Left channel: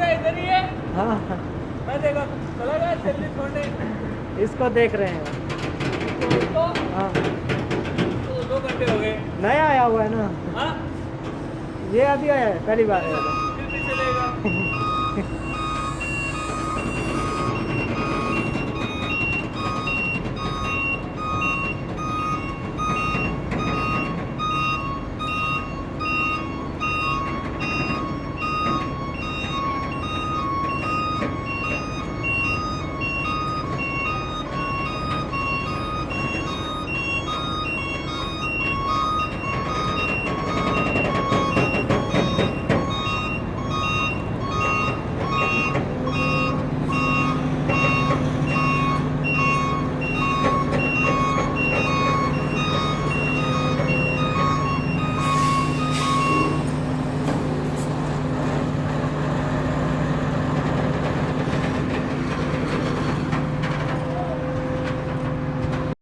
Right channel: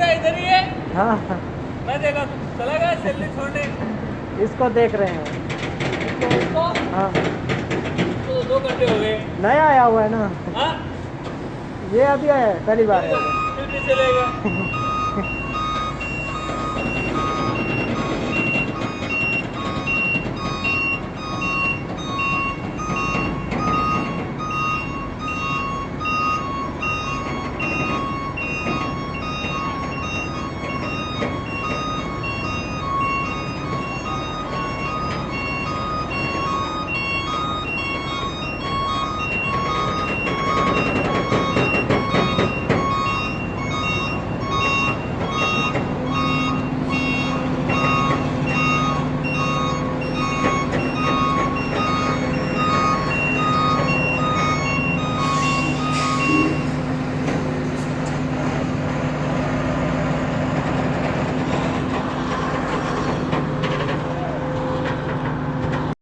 का इधर ही है। हाँ मैं देखा चला गया जल्दी छोड़ने। इसको देख रहे हैं। तो उसको हाँ तो 2 घंटे हो गए। नया आया हुआ है ना, हाँ ये अभी आया है, पहली बार है फिर भी चले गए।